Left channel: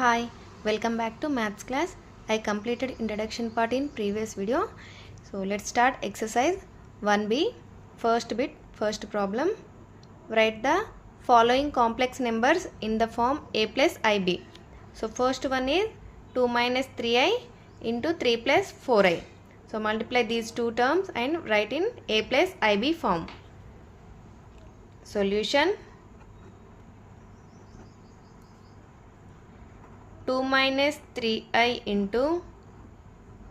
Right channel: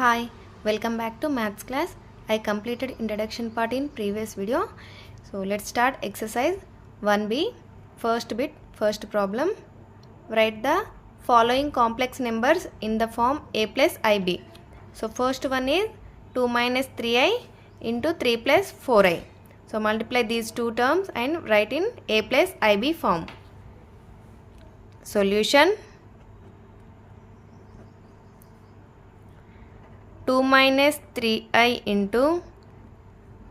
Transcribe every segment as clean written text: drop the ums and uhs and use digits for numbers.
Hi, welcome back to maths class. I completed introduction part in previous video. So let's start exercise 1b. First bit, first problem. Write the following complex numbers in the form a plus ib. So first one is 2 minus 3i into 3 plus 4i. So multiply these two terms and write in a plus ib form. Solution: 2 minus 3i into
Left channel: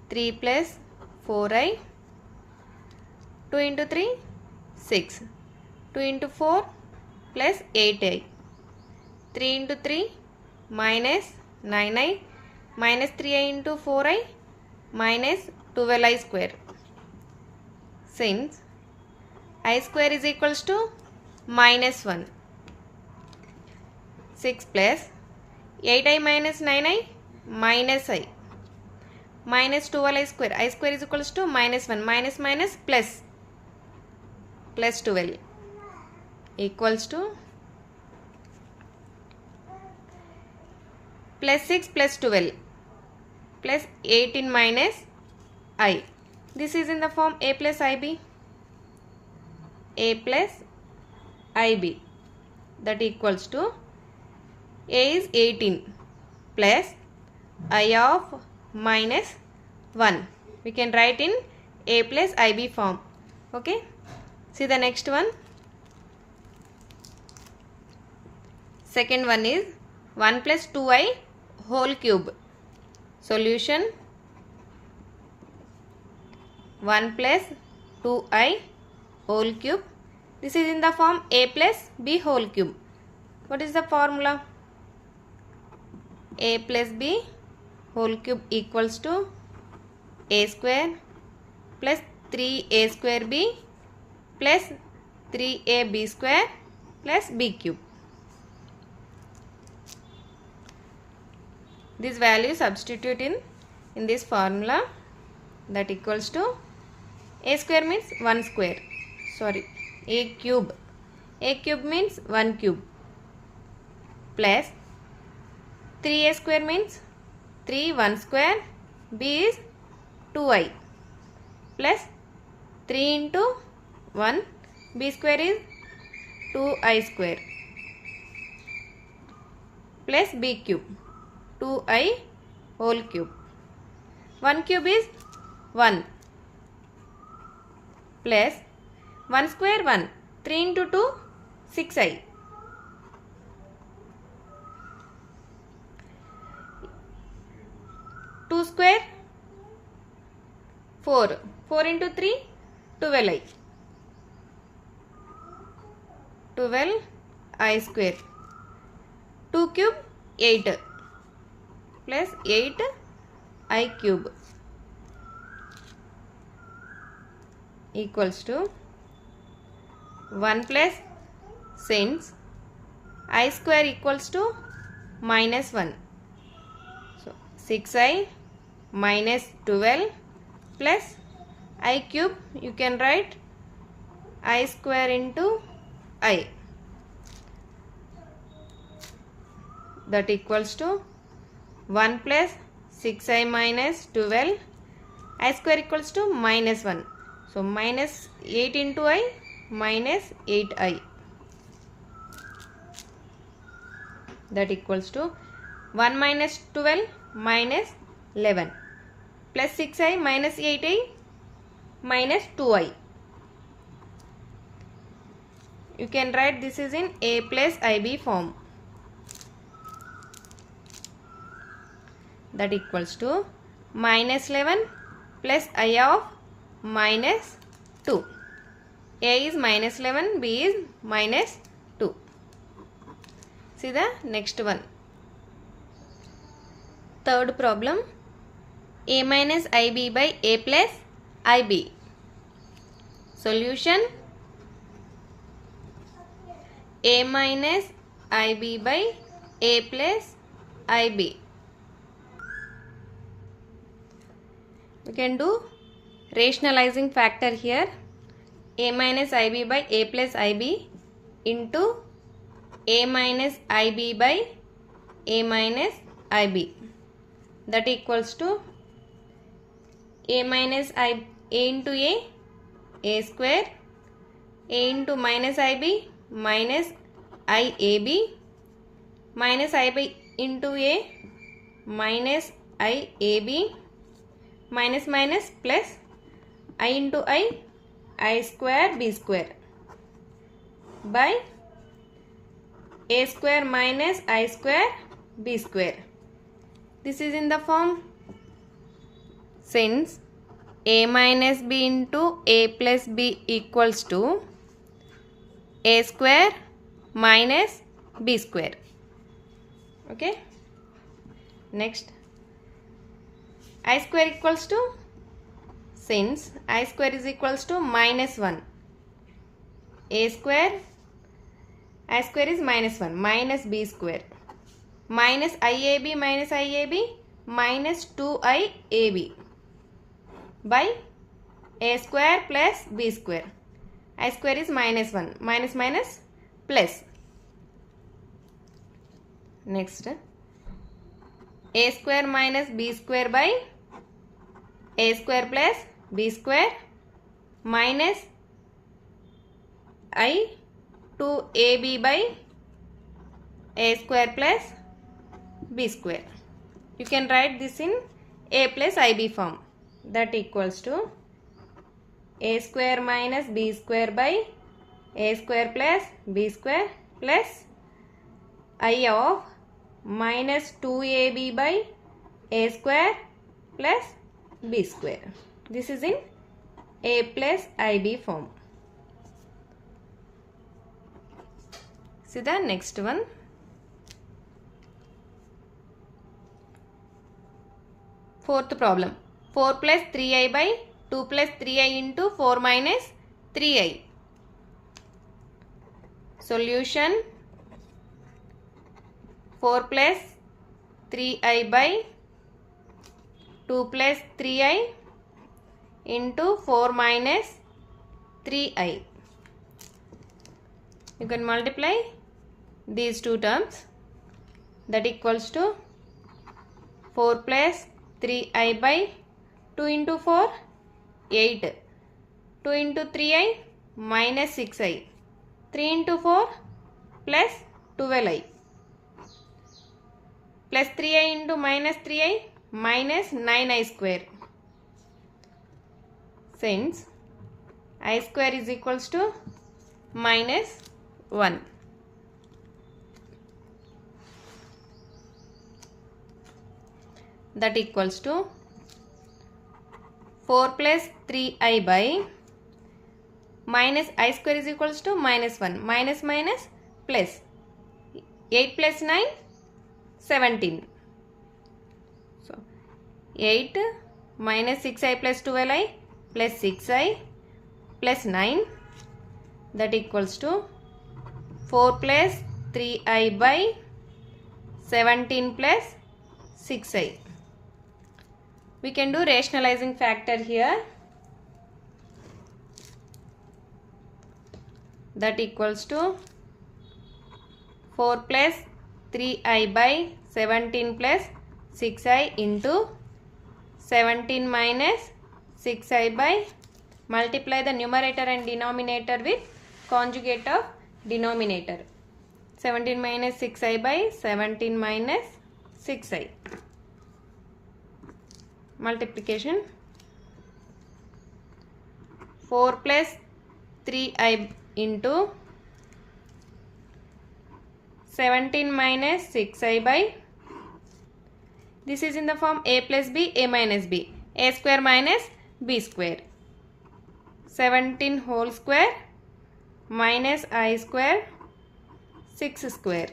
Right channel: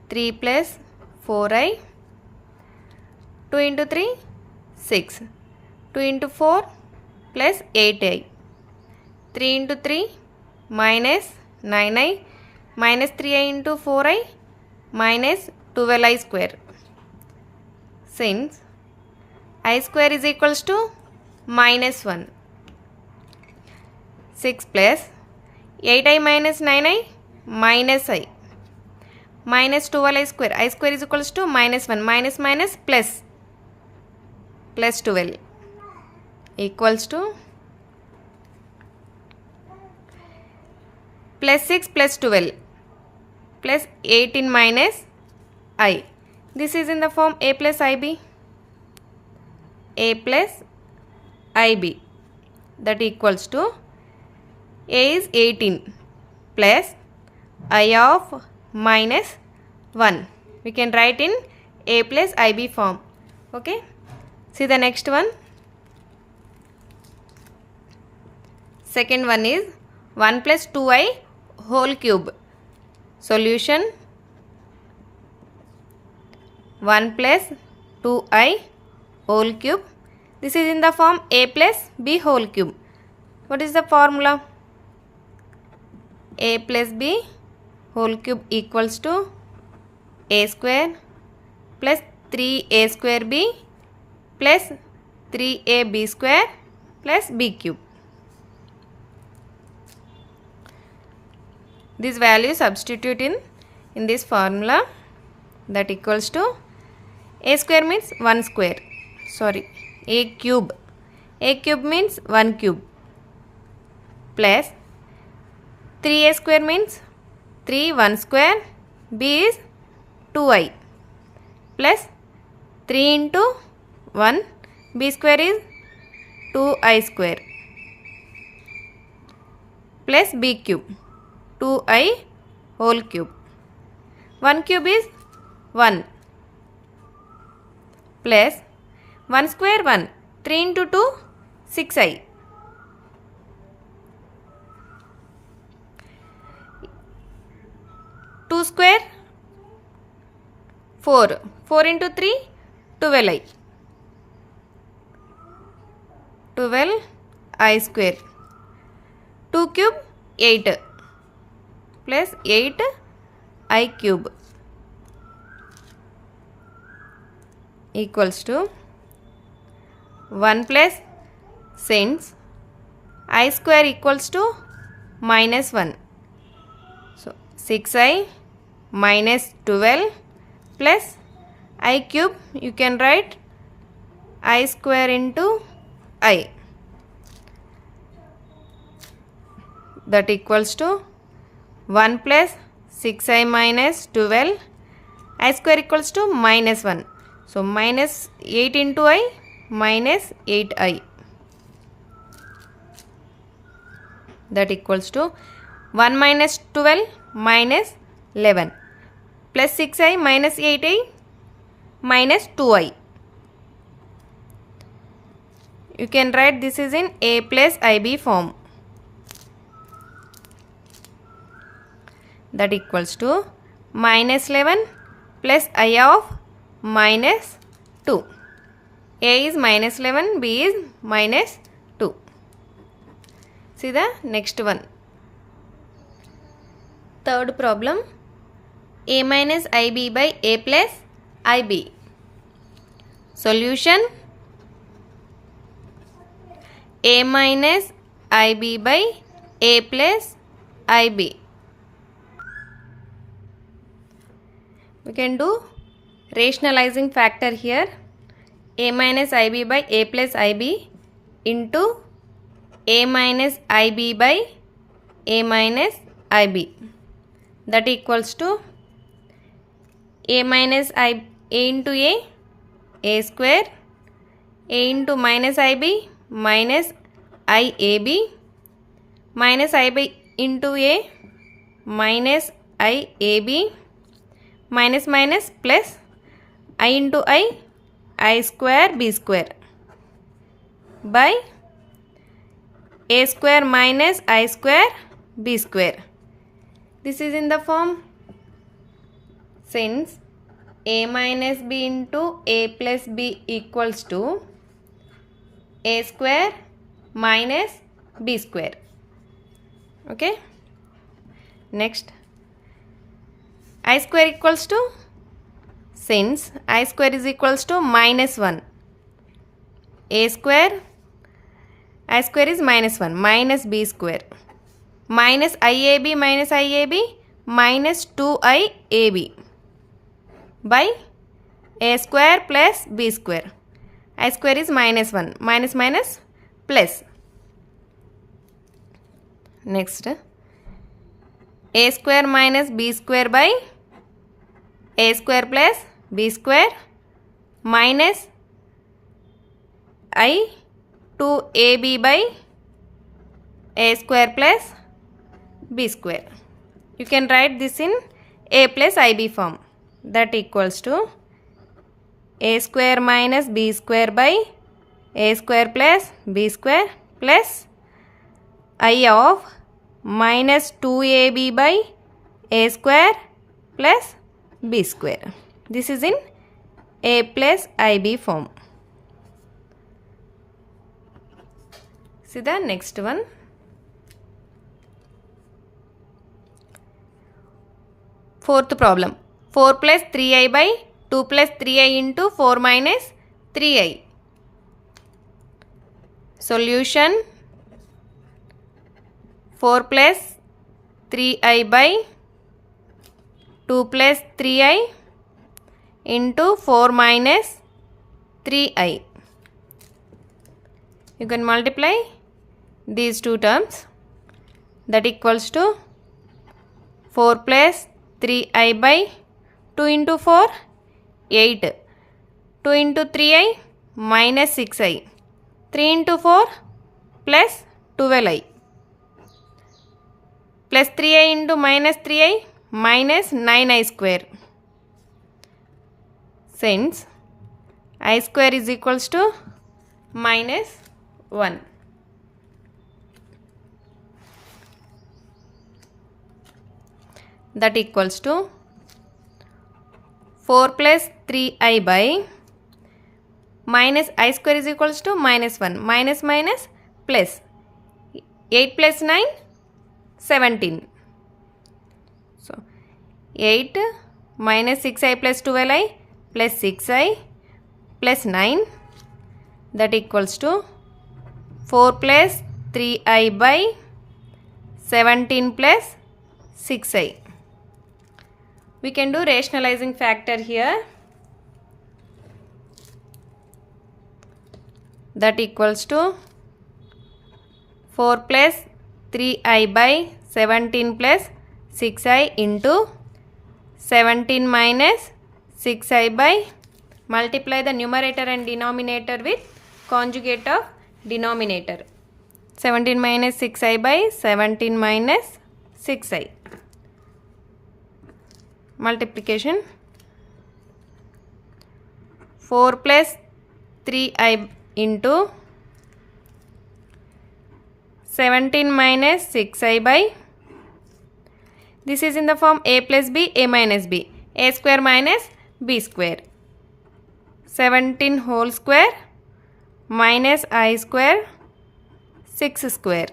3 plus 4i. 2 into 3, 6. 2 into 4 plus 8i. 3 into 3 minus 9i minus 3i into 4i minus 12i square. Since I square is equals to minus 1. 6 plus 8i minus 9i minus I minus 12i square. I square is equals to minus 1 minus minus plus 12 equals to plus 6 plus 12 plus 18 minus I. This is in the form a plus ib. A plus ib, that equals to a is 18 plus I of minus 1. We can write in a plus ib form. Okay. See the next one. Second one is 1 plus 2i whole cube. Solution: 1 plus 2i whole cube. This is in the form a plus b whole cube. What is the formula? A plus b whole cube equals to a square plus 3a square b plus 3ab square plus b cube. This value substitute in this formula, that equals to a square means 1 square. Sorry, a cube. A cube means 1 cube plus 3a square means 3 1 square, b is 2i plus 3 into 1, b square is 2i square plus b cube, 2i whole cube. 1 cube is 1 plus 1 square 1, 3 into 2, 6i. Two square 4. 4 into 3, 12i. 12i square. 2 cube 8 plus 8i cube equals to 1 plus, since I square equals to minus 1. So 6i minus 12 plus I cube, you can write I square into I, that equals to 1 plus 6i minus 12, I square equals to minus 1. So minus 8 into I minus 8i, that equals to 1 minus 12 minus 11 plus 6i minus 8i minus 2i. You can write this is in a plus ib form, that equals to minus 11 plus I of minus 2. A is minus 11, B is minus 2. See the next one. Third problem. A minus ib by a plus ib. Solution: a minus ib by a plus ib. We can do rationalizing factor here. A minus ib by a plus ib into a minus ib by a minus IB, that equals to a minus I a into a square, a into minus IB minus IAB minus IB into a minus IAB minus minus plus I into I square B square by a square minus I square B square. This is in the form, since a minus b into a plus b equals to a square minus b square. Okay. Next, I square equals to, since I square is equals to minus 1, a square, I square is minus 1 minus b square minus IAB minus IAB minus 2IAB by a square plus b square. I square is minus 1 minus minus plus. Next, a square minus b square by a square plus b square minus I 2AB by a square plus b square. You can write this in a plus IB form, that equals to a square minus b square by a square plus b square plus I of minus 2AB by a square plus b square. This is in a plus IB form. See the next one. Fourth problem, 4 plus 3i by 2 plus 3i into 4 minus 3i. Solution, 4 plus 3i by 2 plus 3i into 4 minus 3i. You can multiply these two terms, that equals to 4 plus 3i by 2 into 4 8, 2 into 3i minus 6i, 3 into 4 plus 12i plus 3i into minus 3i minus 9i square. Since I square is equals to minus 1. That equals to 4 plus 3i by minus I square is equals to minus 1 minus minus plus 8 plus 9 17. So 8 minus 6i plus 12i plus 6i plus 9, that equals to 4 plus 3i by 17 plus 6i. We can do rationalizing factor here, that equals to 4 plus 3i by 17 plus 6i into 17 minus 6i by, multiply the numerator and denominator with conjugate of denominator, 17 minus 6i by 17 minus 6i. Multiplication, 4 plus 3i into 17 minus 6i by, this is in the form a plus b, a minus b, a square minus b square, 17 whole square minus I square 6 square,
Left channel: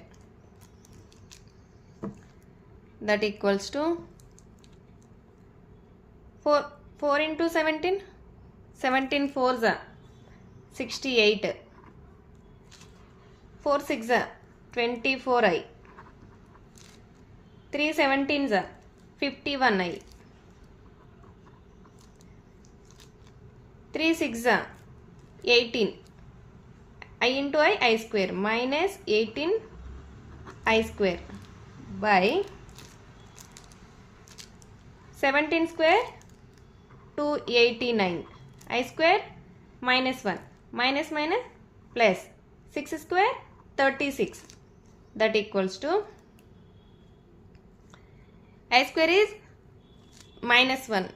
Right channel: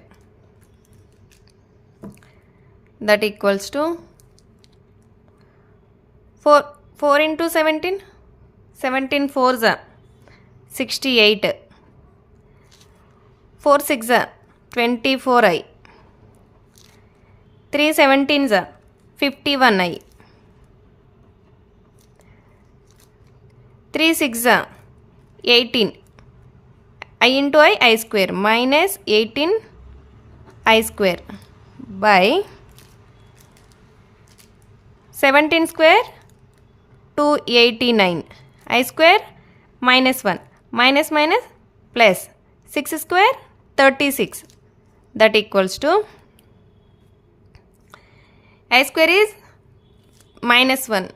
that equals to 4 into 17, 17 4s are 68, 4 6s are 24i, 3 17s are 51i, 3 6s are 18, I into I square minus 18 I square by 17 square 289. I square minus 1 minus minus plus 6 square 36. That equals to I square is minus 1,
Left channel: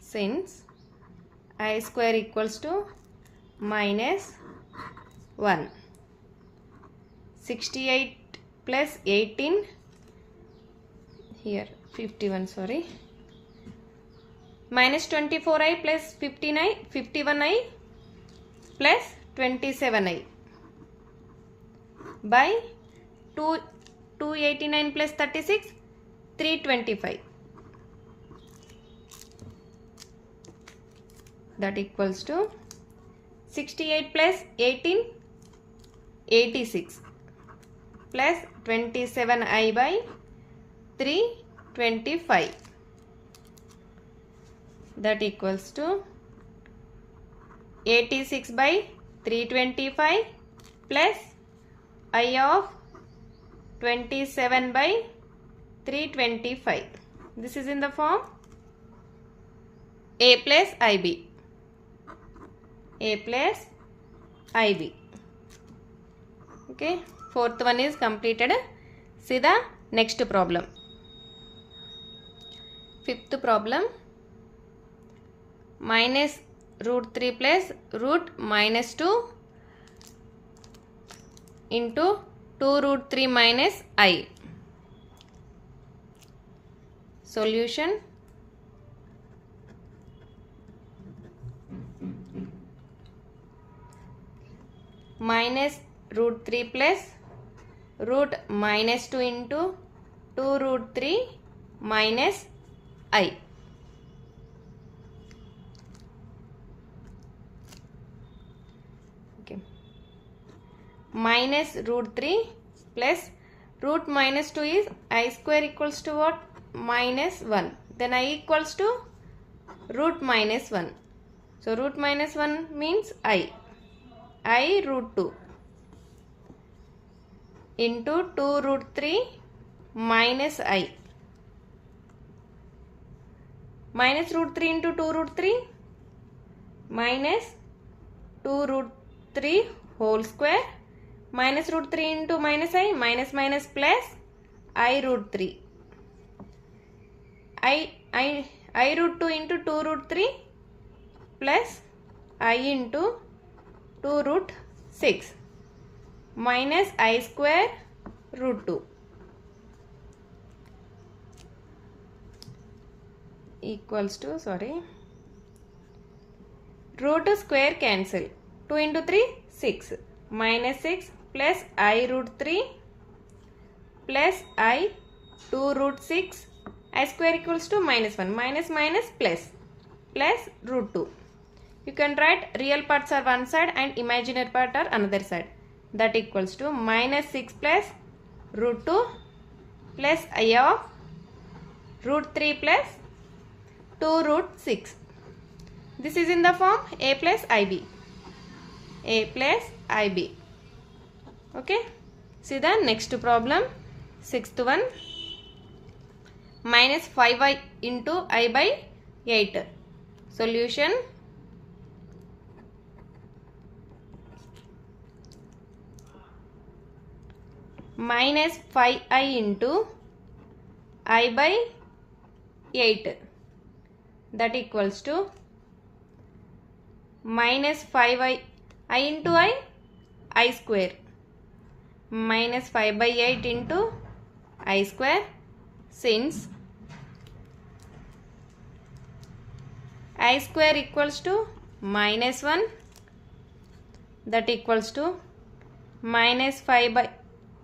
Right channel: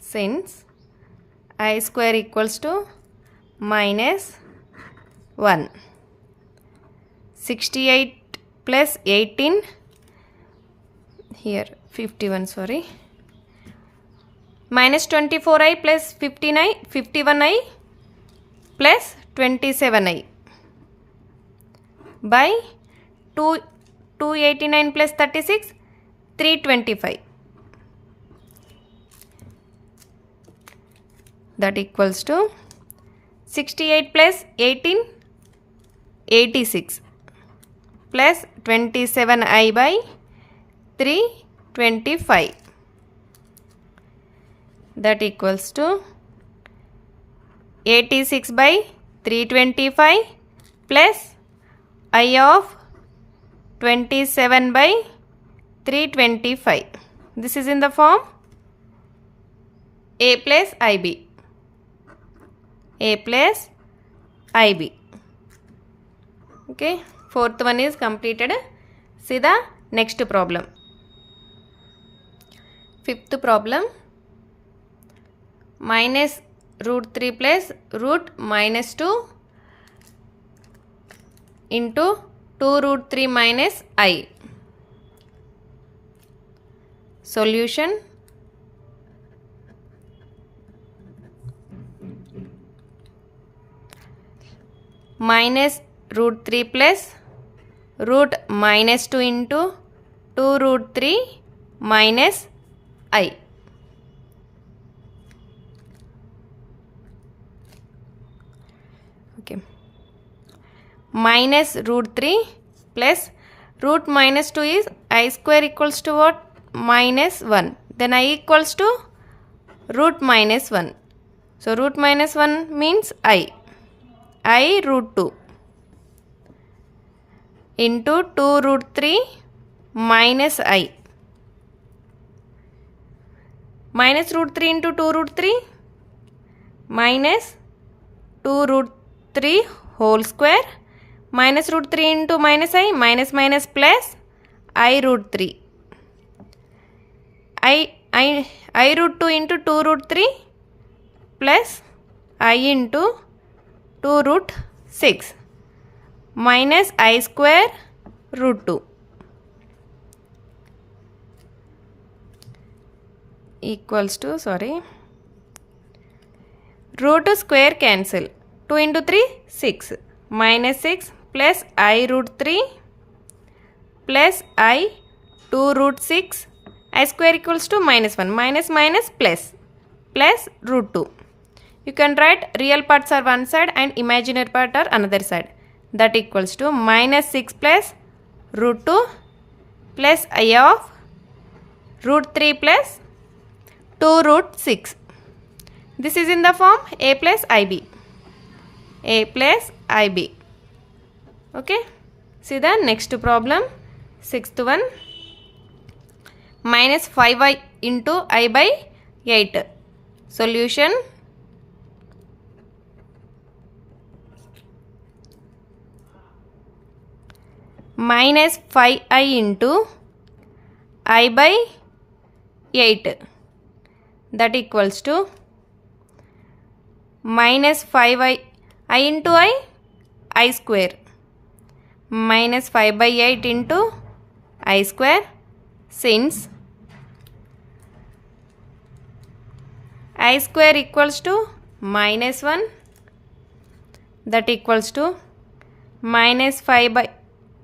since I square equals to minus 1. 68 plus 18, here 51, sorry, minus 24i plus 15i, 51i plus 27i by 289 plus 36, 325. That equals to 68 plus 18, 86 plus 27i by 325. That equals to 86 by 325 plus I of 27 by 325. This is in the form A plus IB. A plus IB. Okay, fourth one is completed. See the next problem. Fifth problem. Minus root 3 plus root minus 2 into 2 root 3 minus I. Solution. Minus root 3 plus root minus 2 into 2 root 3 minus I. Okay. Minus root 3 plus root minus 2 is I square equals to what? Minus 1. Then I equals to root minus 1. So root minus 1 means I root 2 into 2 root 3 minus I. Minus root 3 into 2 root 3 minus 2 root 3 whole square minus root 3 into minus I, minus minus plus I root 3. I root 2 into 2 root 3 plus I into 2 root 6 minus I square root 2 equals to, root square cancel. 2 into 3, 6 minus 6 plus I root 3 plus I 2 root 6 I square equals to minus 1 minus minus plus root 2. You can write real parts are one side and imaginary part are another side. That equals to minus 6 plus root 2 plus I of root 3 plus 2 root 6. This is in the form A plus IB. A plus IB. Okay. See the next problem. Sixth one. Minus 5i into I by 8. Solution. Minus 5i into I by 8. That equals to minus 5i into I square minus 5 by 8 into I square, since I square equals to minus 1, that equals to minus 5 by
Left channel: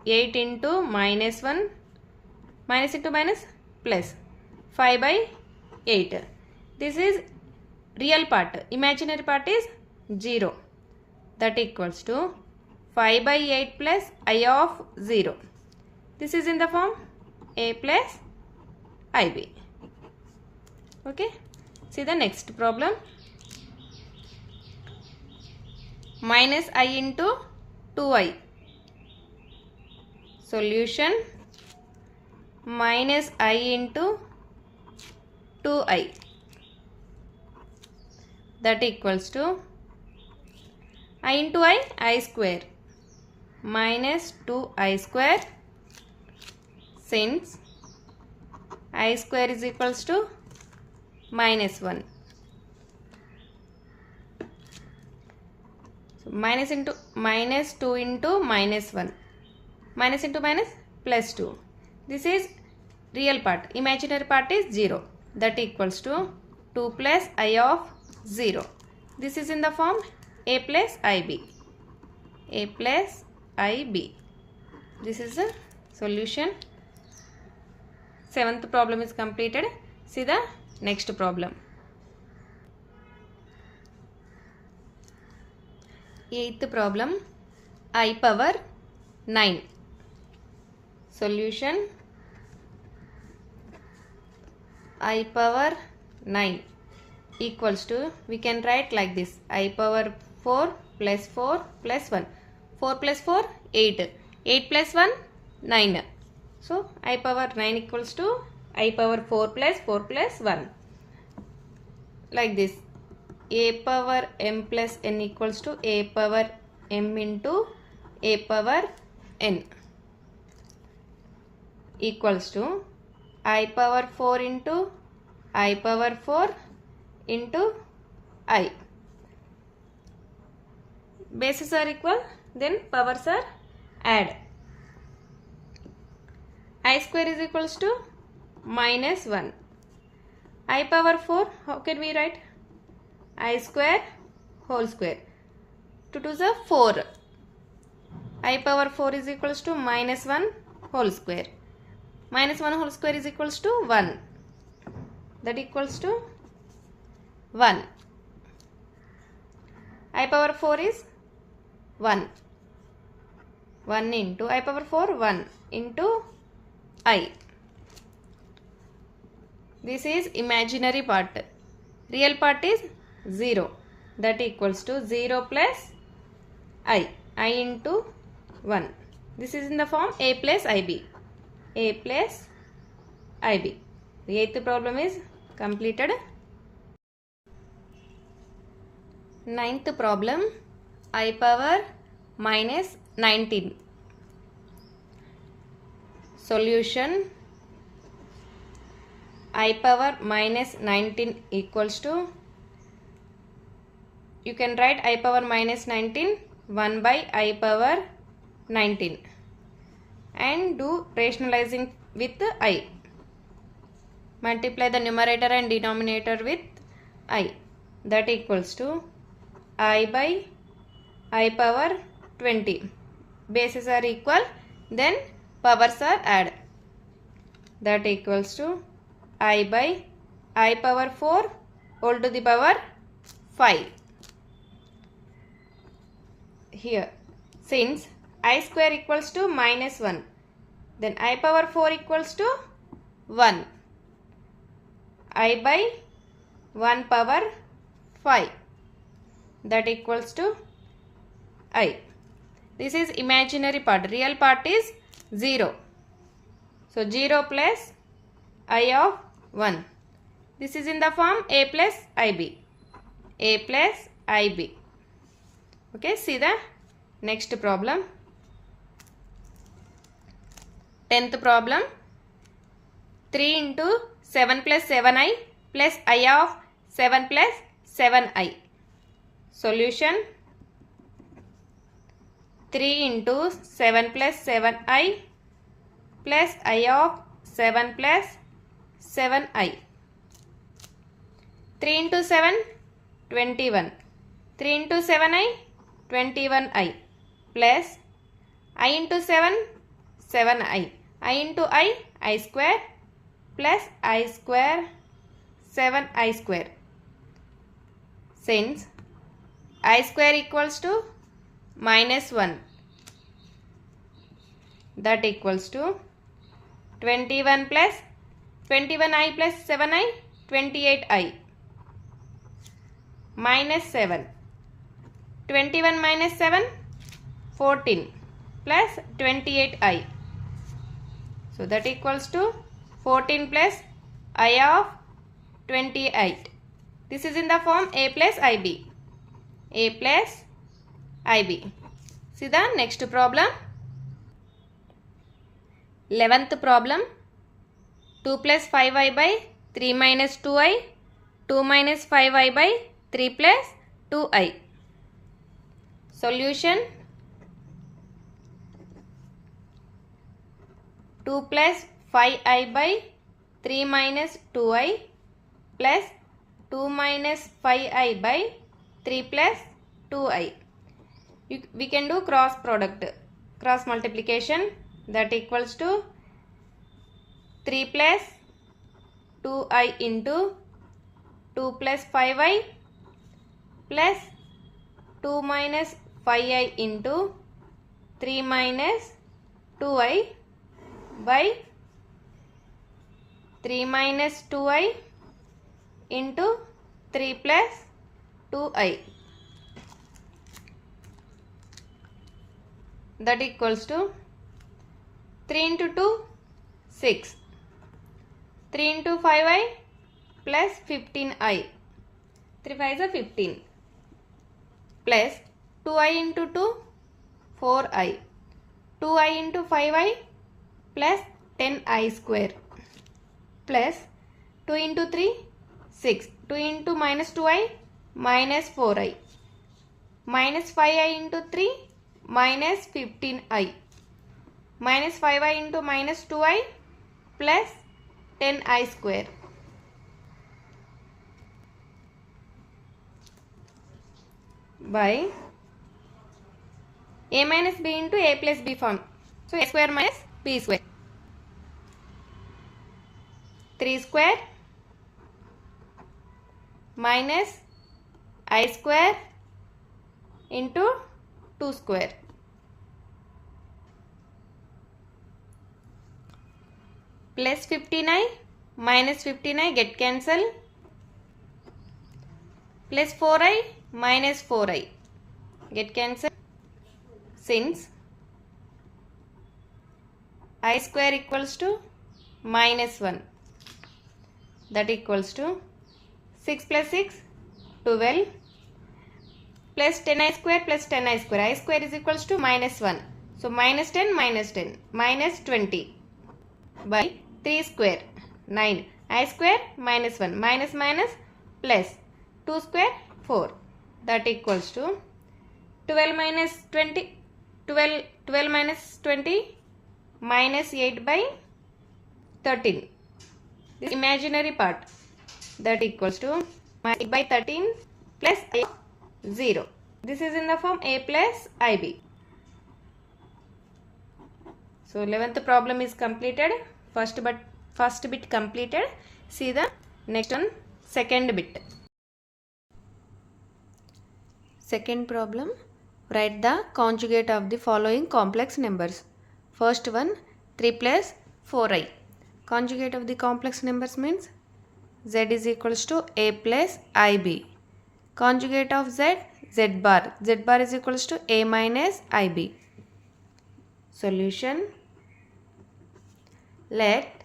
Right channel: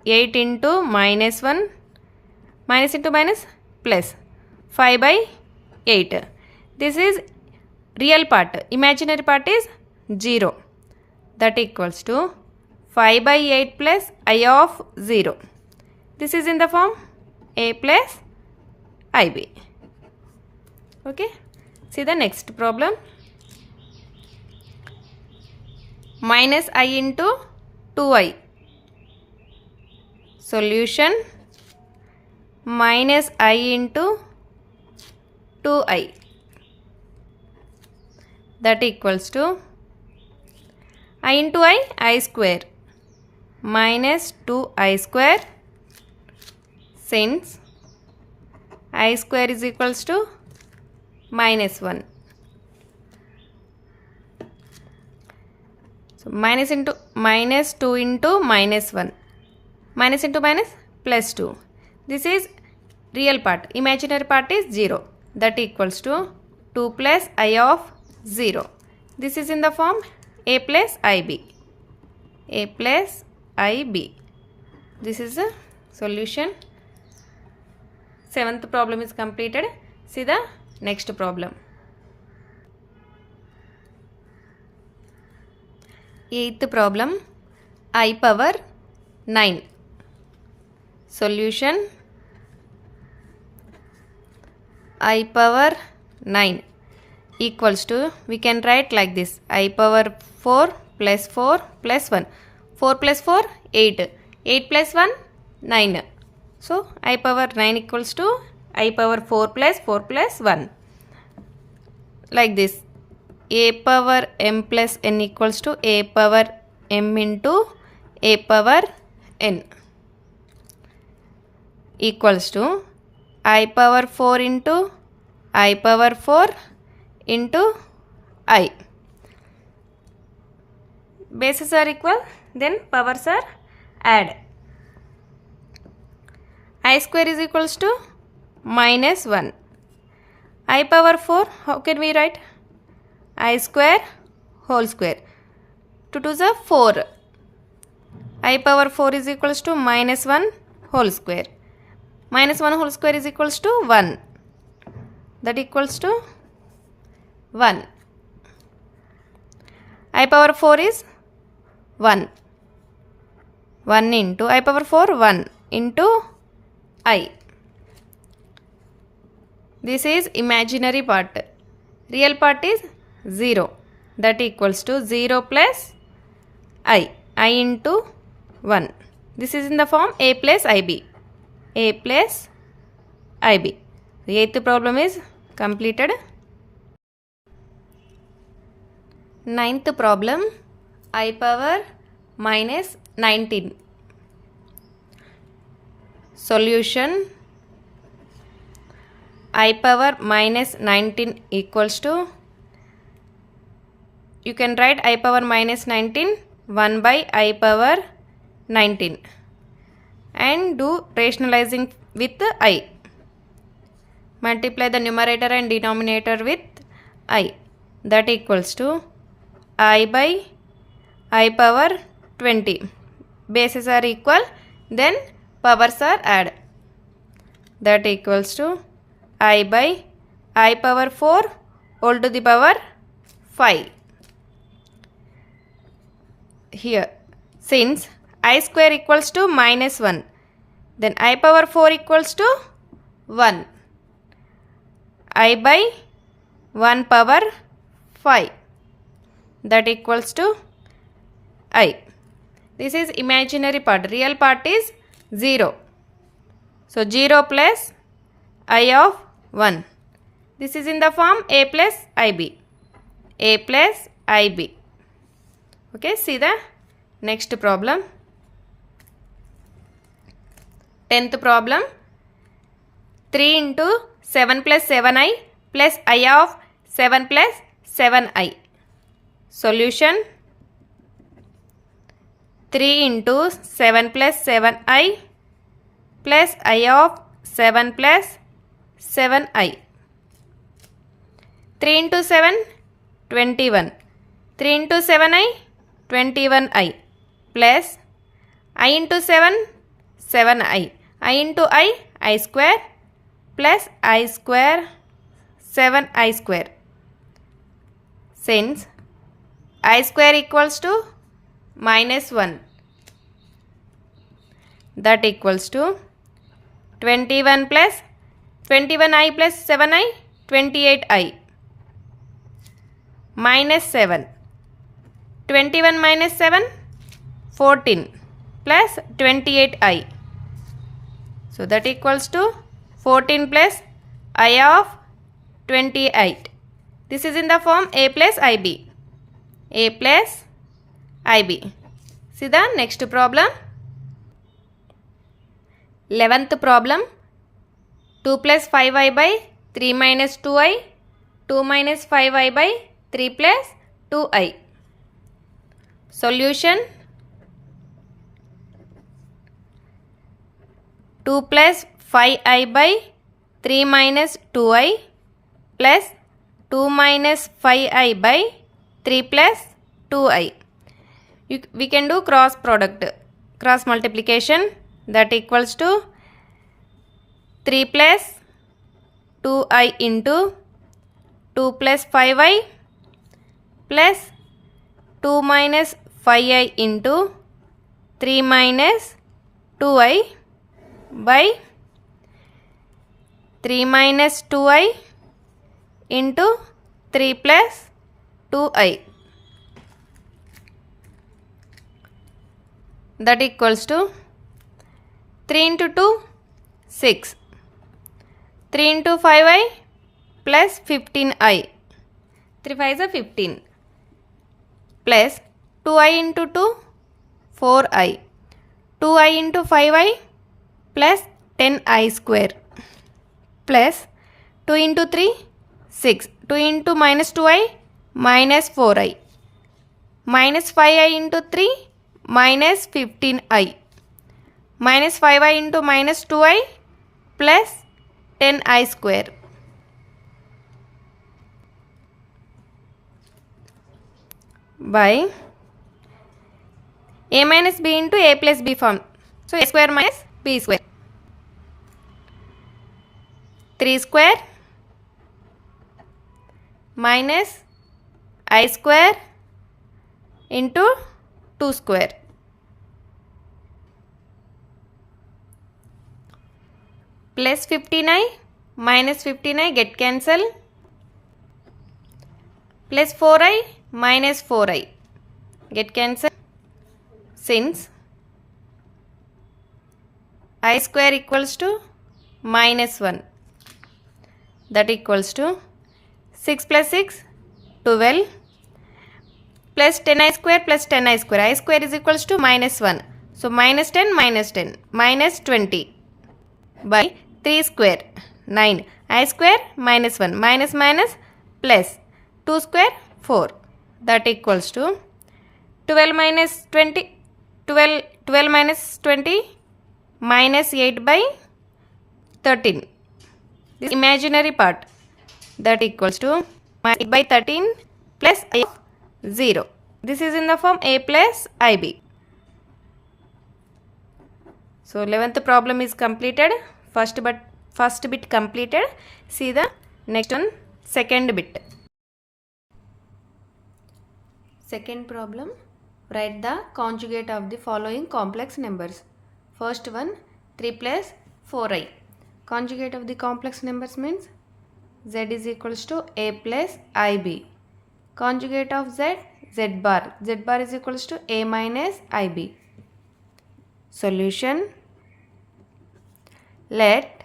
8 into minus 1, minus into minus plus 5 by 8. This is real part. Imaginary part is 0. That equals to 5 by 8 plus I of 0. This is in the form A plus IB. Okay. See the next problem. Minus I into 2I. Solution. Minus I into 2i. That equals to I into I square minus 2i square, since I square is equals to minus 1. So minus 2 into minus 1. Minus into minus plus 2. This is real part. Imaginary part is 0. That equals to 2 plus I of 0. This is in the form a plus ib. A plus ib. This is the solution. 7th problem is completed. See the next problem. 8th problem, I power 9. Solution, I power 9 equals to, we can write like this, I power 4 plus 4 plus 1. 4 plus 4, 8. 8 plus 1, 9. So, I power 9 equals to I power 4 plus 4 plus 1. Like this. A power m plus n equals to a power m into a power n equals to I power 4 into I power 4 into I. Bases are equal, then powers are add. I square is equals to minus 1. I power 4, how can we write? I square whole square. 2 2s are 4. I power 4 is equals to minus 1 whole square. Minus 1 whole square is equals to 1. That equals to 1. I power 4 is 1. 1 into I power 4, 1 into I. This is imaginary part. Real part is 0. That equals to 0 plus I into 1. This is in the form a plus ib. A plus ib. The 8th problem is completed. 9th problem, I power minus 19. Solution, I power minus 19 equals to, you can write I power minus 19 1 by I power 19 and do rationalizing with I. Multiply the numerator and denominator with I. That equals to I by I power 20. Bases are equal, then powers are add. That equals to I by I power 4 whole to the power 5. Here, since I square equals to minus 1, then I power 4 equals to 1. I by 1 power 5. That equals to I. This is imaginary part. Real part is 0. So, 0 plus I of 1. This is in the form a plus ib. A plus ib. Okay, see the next problem. 10th problem. 3 into 7 plus 7i plus I of 7 plus 7i. Solution, 3 into 7 plus 7i plus I of 7 plus 7i. 3 into 7, 21. 3 into 7i, 21i plus I into 7, 7i. I into I square plus I square, 7i square. Since I square equals to minus 1, that equals to 21 plus 21i plus 7i, 28i minus 7. 21 minus 7, 14 plus 28i. So that equals to 14 plus I of 28. This is in the form a plus ib. A plus ib. See the next problem. 11th problem. 2 plus 5i by 3 minus 2i. 2 minus 5i by 3 plus 2i. Solution. 2 plus 5i by 3 minus 2i plus 2 minus 5i by 3 plus 2i. We can do cross product, cross multiplication, that equals to 3 plus 2i into 2 plus 5i plus 2 minus 5i into 3 minus 2i by 3 minus 2i into 3 plus 2i, that equals to 3 into 2 6, 3 into 5i plus 15i, 3 5 is 15, plus 2i into 2 4i, 2i into 5i plus 10i square, plus 2 into 3 6, 2 into minus 2i minus 4i, minus 5i into 3 minus 15i, minus 5i into minus 2i plus 10i square. By a minus b into a plus b form. So a square minus b square. 3 square minus I square into 2 square. Plus 15i minus 15i get cancel. Plus 4i minus 4i get cancel. Since I square equals to minus 1, that equals to 6 plus 6 12 plus 10i square plus 10i square. I square is equals to minus 1. So minus 10 minus 10 minus 20 by 3 square 9. I square minus 1 minus minus plus 2 square 4, that equals to 12 minus 20 12 minus 20 minus 8 by 13. This imaginary part, that equals to minus 8 by 13 plus 0. This is in the form a plus ib. So 11th problem is completed. First bit completed. See the next one, second bit. Second problem. Write the conjugate of the following complex numbers. First one, 3 plus 4i. Conjugate of the complex numbers means z is equals to a plus ib. Conjugate of z, z bar. Z bar is equals to a minus ib. Solution. Let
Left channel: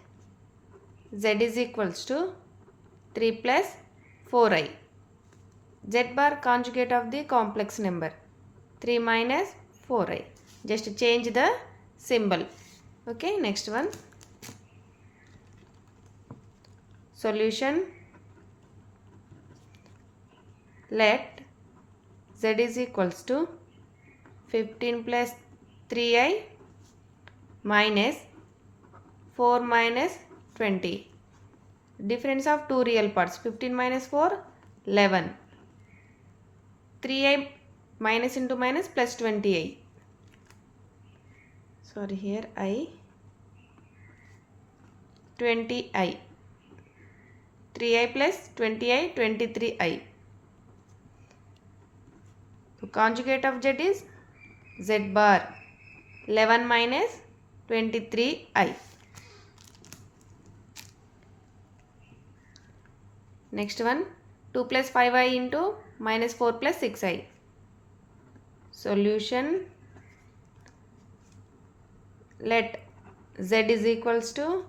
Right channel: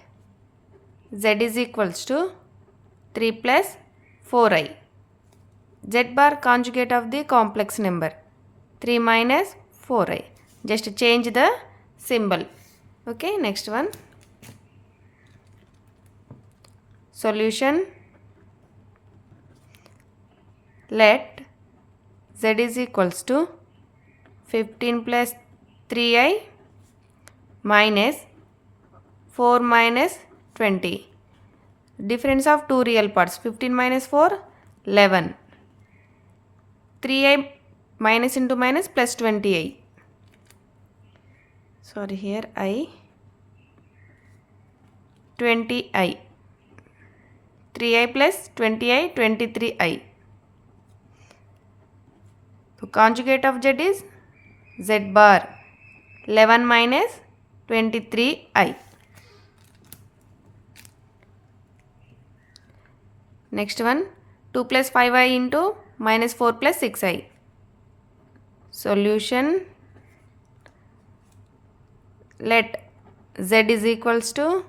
z is equals to 3 plus 4i. Z bar conjugate of the complex number. 3 minus 4i. Just change the symbol. Okay, next one. Solution. Let z is equals to 15 plus 3i minus 4 minus 20. Difference of two real parts. 15 minus 4, 11. 3i minus into minus plus 20i. Sorry, here I 20i. 3i plus 20i, 23i. So conjugate of z is z bar. 11 minus 23i. Next one, 2 plus 5i into minus 4 plus 6i. Solution. Let z is equals to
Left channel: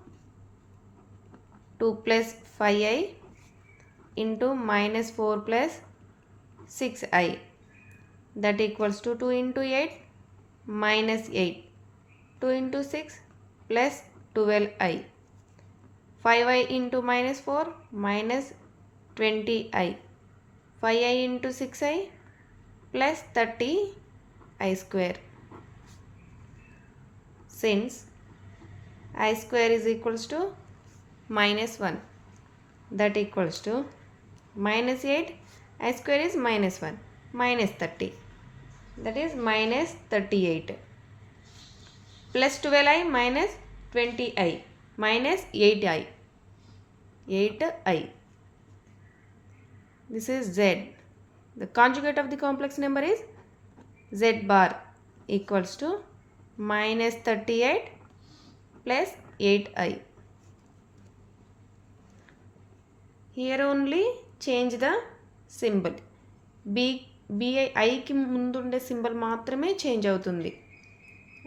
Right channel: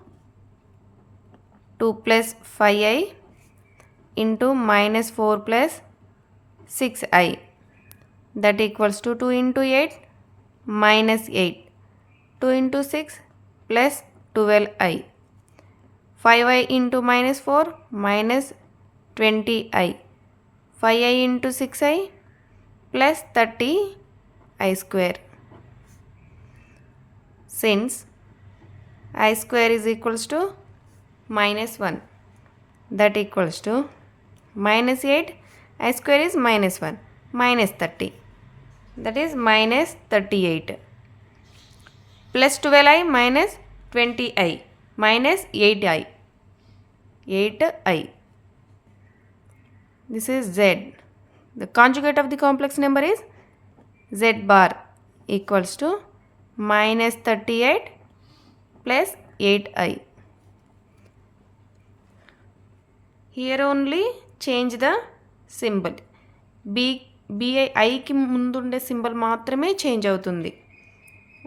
2 plus 5i into minus 4 plus 6i, that equals to 2 into 8 minus 8, 2 into 6 plus 12i, 5i into minus 4 minus 20i, 5i into 6i plus 30i square. Since I square is equals to minus 1, that equals to minus 8, I square is minus 1, minus 30, that is minus 38, plus 12i minus 20i minus 8i, 8i. This is z. The conjugate of the complex number is z bar equals to minus 38 plus 8i. Here only change the symbol. ఐకి ముందుండే symbol మాత్రమే change అవుతుంది.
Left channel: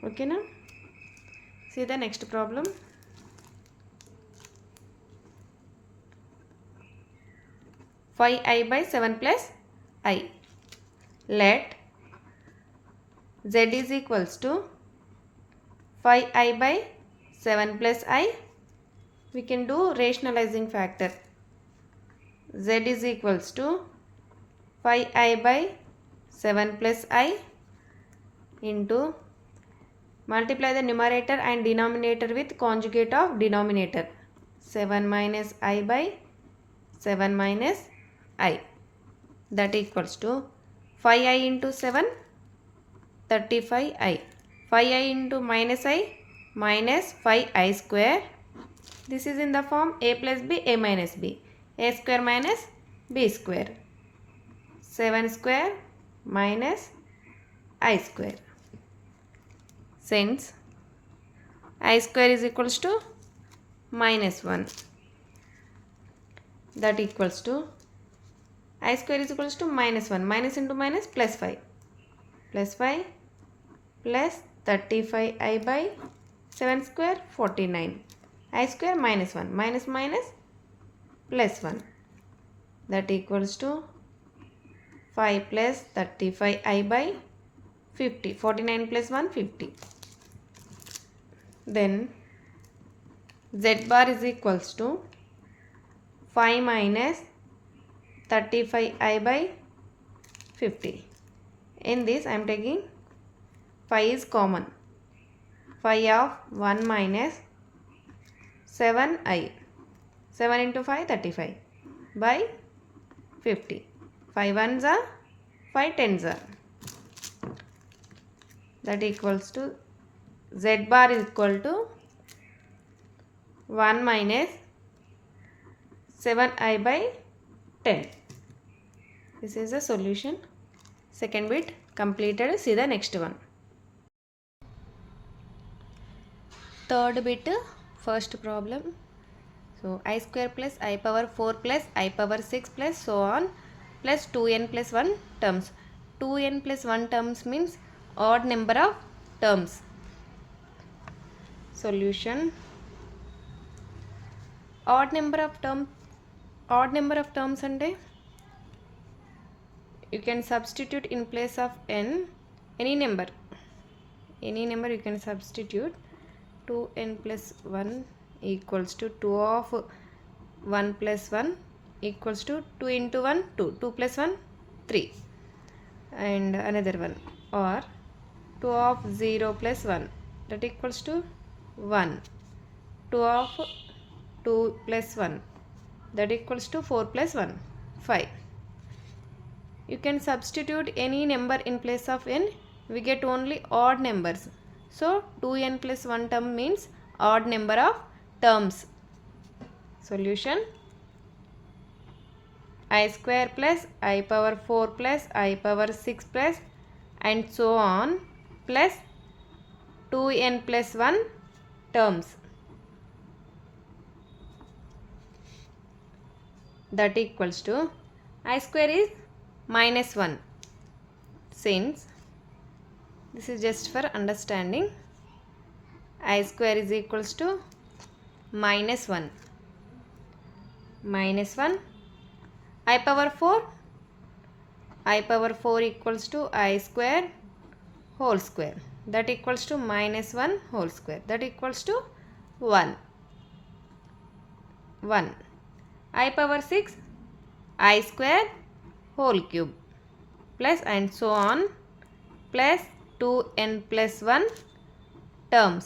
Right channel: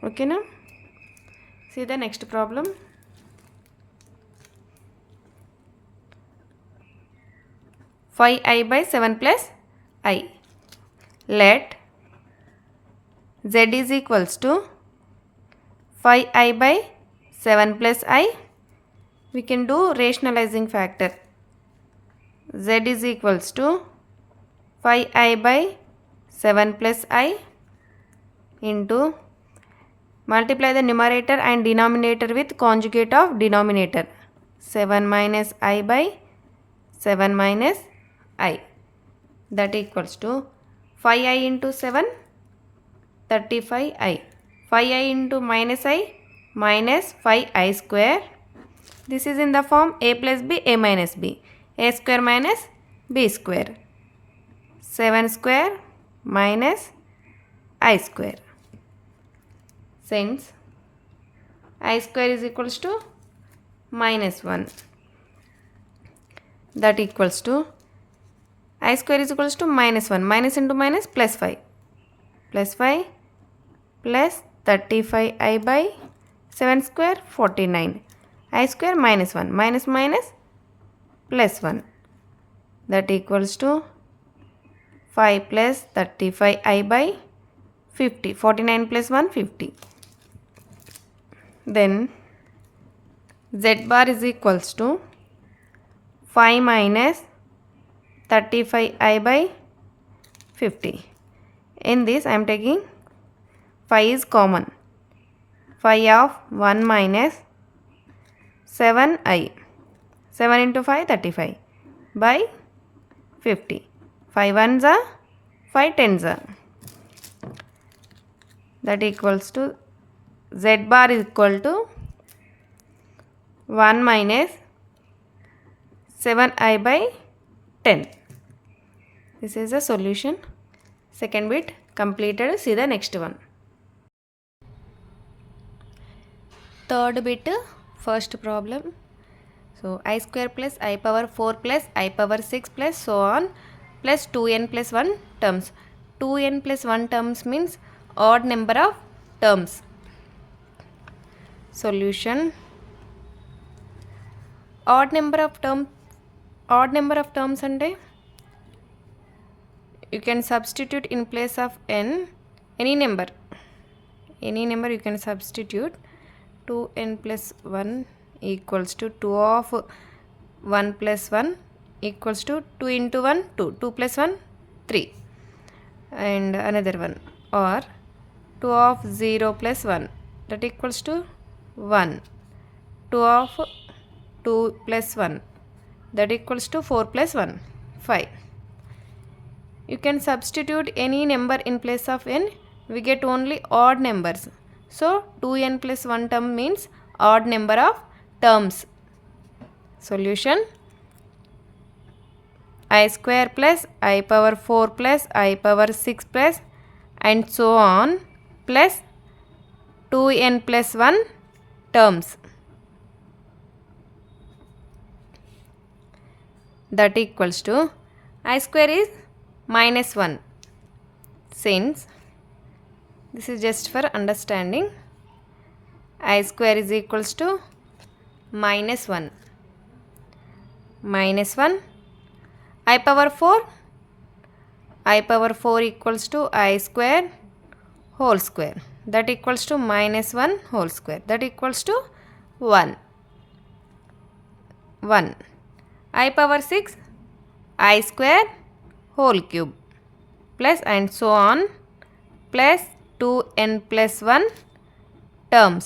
ఓకేనా? See the next problem. Five I by 7 plus I. Let z is equals to 5i by 7 plus I. We can do rationalizing factor. Z is equals to 5i by 7 plus I into, multiply the numerator and denominator with conjugate of denominator, 7 minus I by 7 minus I, that equals to 5i into 7, 35i, 5i into minus I minus 5i square. This is in the form a plus b, a minus b, a square minus b square, 7 square minus I square. Since I square is equals to minus 1, that equals to I square is equals to minus 1, minus into minus plus 5, plus 5 plus 35i by 7 square 49, I square minus 1, minus minus plus 1, that equals to 5 plus 35i by 50, 49 plus 1 50. Then z bar is equals to 5 minus 35i by 50. In this I am taking 5 is common. 5 of 1 minus 7i. 7 into 5 35 by 50. 5 ones are 5 tens are. That equals to z bar is equal to 1 minus 7i by 10. This is the solution. Second bit completed. See the next one. Third bit, first problem. So I square plus I power 4 plus I power 6 plus so on plus 2n plus 1 terms. 2n plus 1 terms means odd number of terms. Solution. Odd number of terms అంటే you can substitute in place of n any number you can substitute. 2n plus 1 equals to 2 of 1 plus 1 equals to 2 into 1 2, 2 plus 1 3, and another one, or 2 of 0 plus 1 that equals to 1, 2 of 2 plus 1 that equals to 4 plus 1 5. You can substitute any number in place of n, we get only odd numbers. So 2n plus 1 term means odd number of terms. Solution. I square plus I power 4 plus I power 6 plus and so on plus 2n plus 1 terms. That equals to I square is minus 1. Since this is just for understanding, I square is equals to minus 1. Minus 1 I power 4 equals to I square whole square, that equals to minus 1 whole square, that equals to 1. I power 6 I square whole cube plus and so on plus 2n plus 1 terms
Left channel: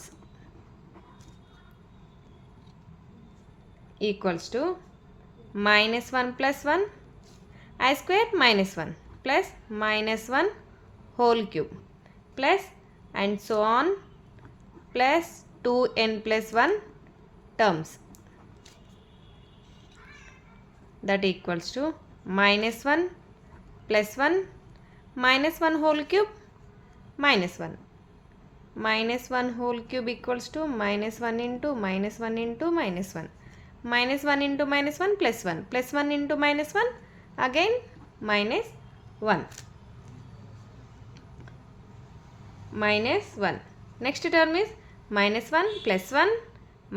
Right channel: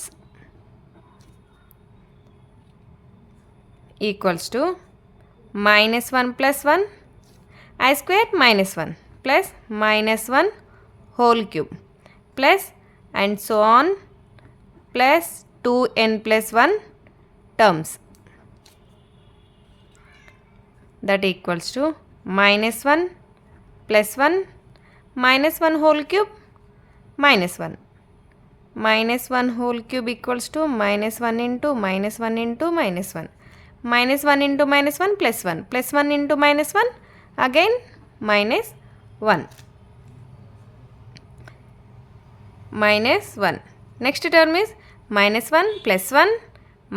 equals to minus 1 plus 1 I square minus 1 plus minus 1 whole cube plus and so on plus 2n plus 1 terms, that equals to minus 1 plus 1 minus 1 whole cube minus 1. Minus 1 whole cube equals to minus 1 into minus 1 into minus 1. Minus 1 into minus 1 plus 1 plus 1 into minus 1 again minus 1. Minus 1. Next term is minus 1 plus 1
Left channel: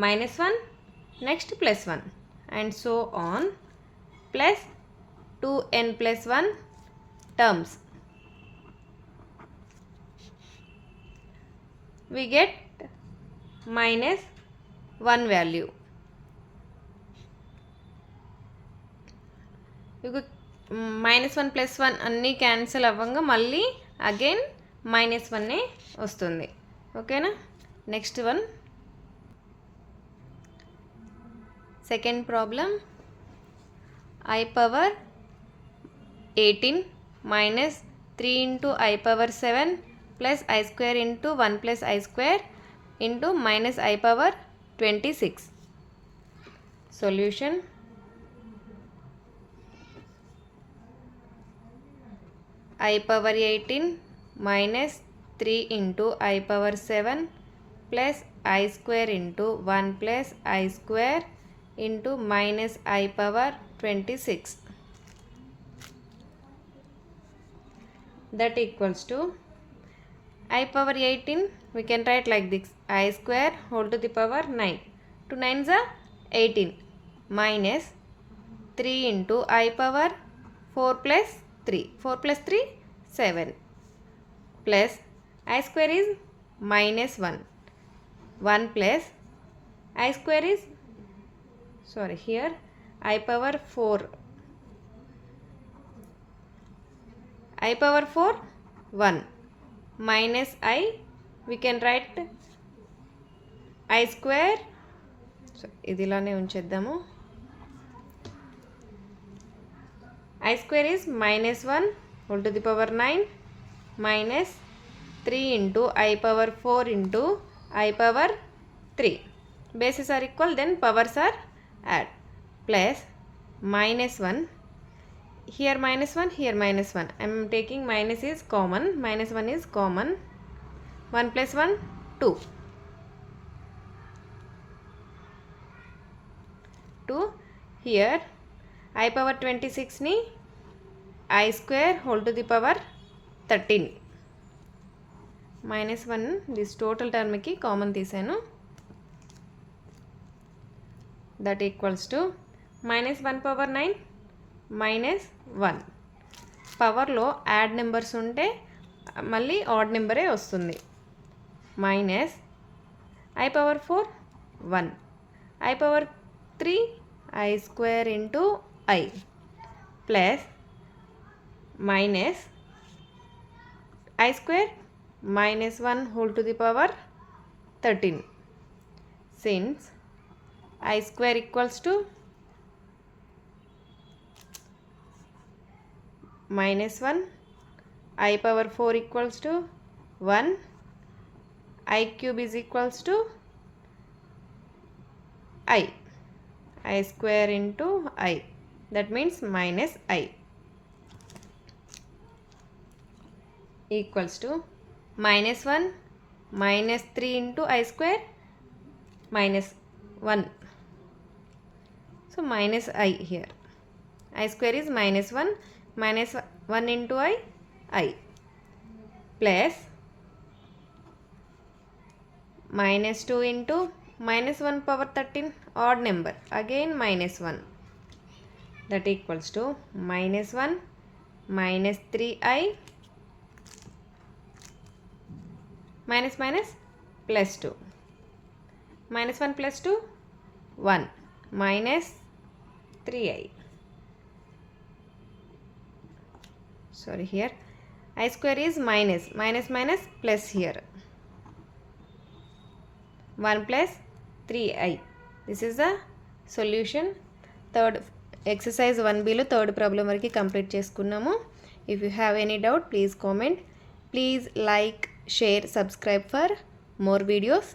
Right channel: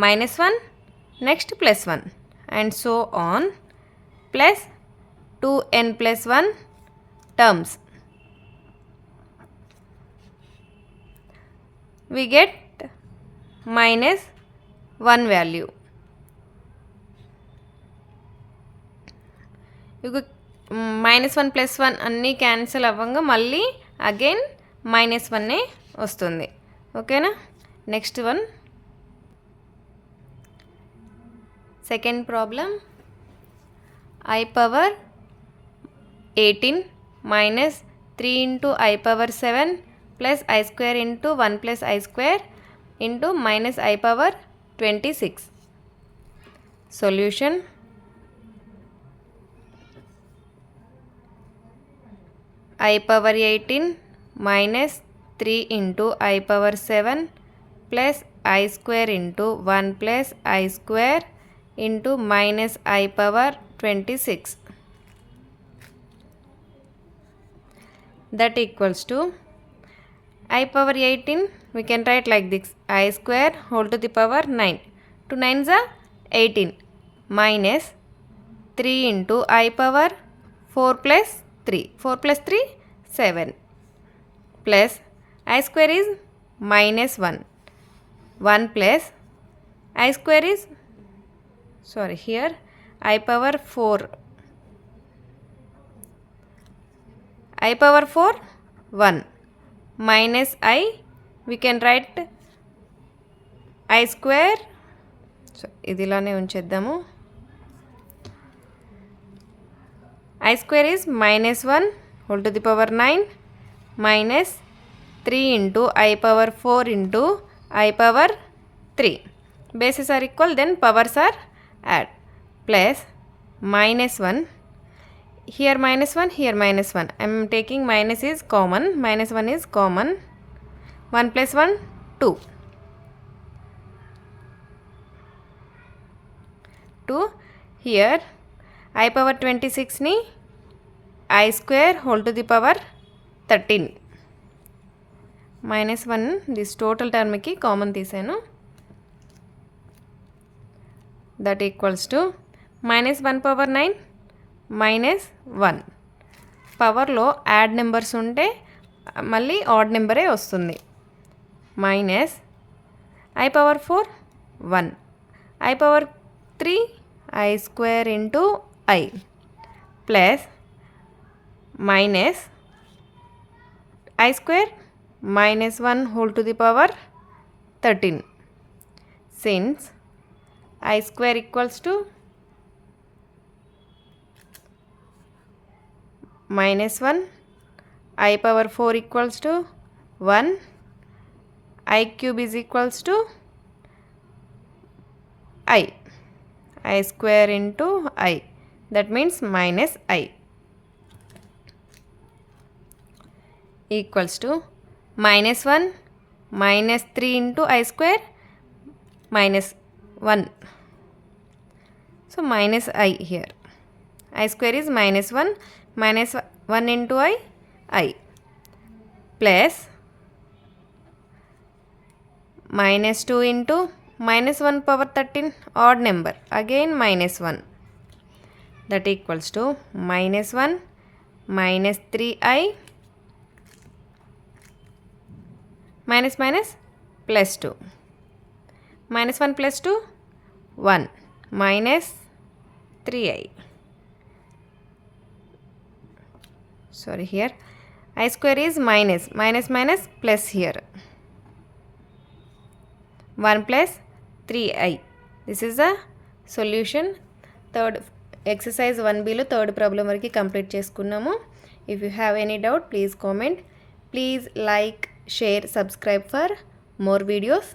minus 1 next plus 1 and so on plus 2n plus 1 terms. We get minus 1 value. Minus 1 plus 1 అన్నీ cancel అవ్వంగా మళ్ళీ again minus 1 వస్తుంది. ఓకేనా. Next one, second problem. I power 18 minus 3 into I power 7 plus I square into 1 plus I square into minus I power 26. Solution. I power 18 minus 3 into I power 7 plus I square into 1 plus I square into minus I power 26. That equals to I power 18 we can write like this, I square whole to the power 9. 2 9s are 18 minus 3 into I power 4 plus 3. 4 plus 3 7 plus I square is minus 1. 1 plus I square is here I power 4. I power 4 1 minus I we can write I square. ఇది ఇలానే ఉంచేద్దాము. I square is minus 1 whole to the power 9 minus 3 into I power 4 into I power 3. Bases are equal, then powers are add, plus minus 1. Here minus 1, here minus 1. I am taking minus is common. Minus 1 is common. 1 plus 1, 2. 2. Here I power 26 ni I square whole to the power 13. Minus 1 this total term ki common తీసాను. That equals to minus 1 power 9 minus 1. పవర్లో add numbers ఉంటే మళ్ళీ add నెంబరే వస్తుంది. Minus I power 4 1 I power 3 I square into I plus minus I square minus 1 whole to the power 13. Since I square equals to minus 1, I power 4 equals to 1, I cube is equals to I square into I, that means minus I equals to minus 1 minus 3 into I square minus 1. So minus I here. I square is minus 1 minus 1 into I plus minus 2 into minus 1 power 13 odd number again minus 1 that equals to minus 1 minus 3i minus minus plus 2. Minus 1 plus 2 1 minus 3i. Sorry, here I square is minus minus plus here 1 plus 3i. This is the solution. Third exercise 1b లో third problem వరకు complete చేసుకున్నాము. If you have any doubt, please comment. Please like, share, subscribe for more videos.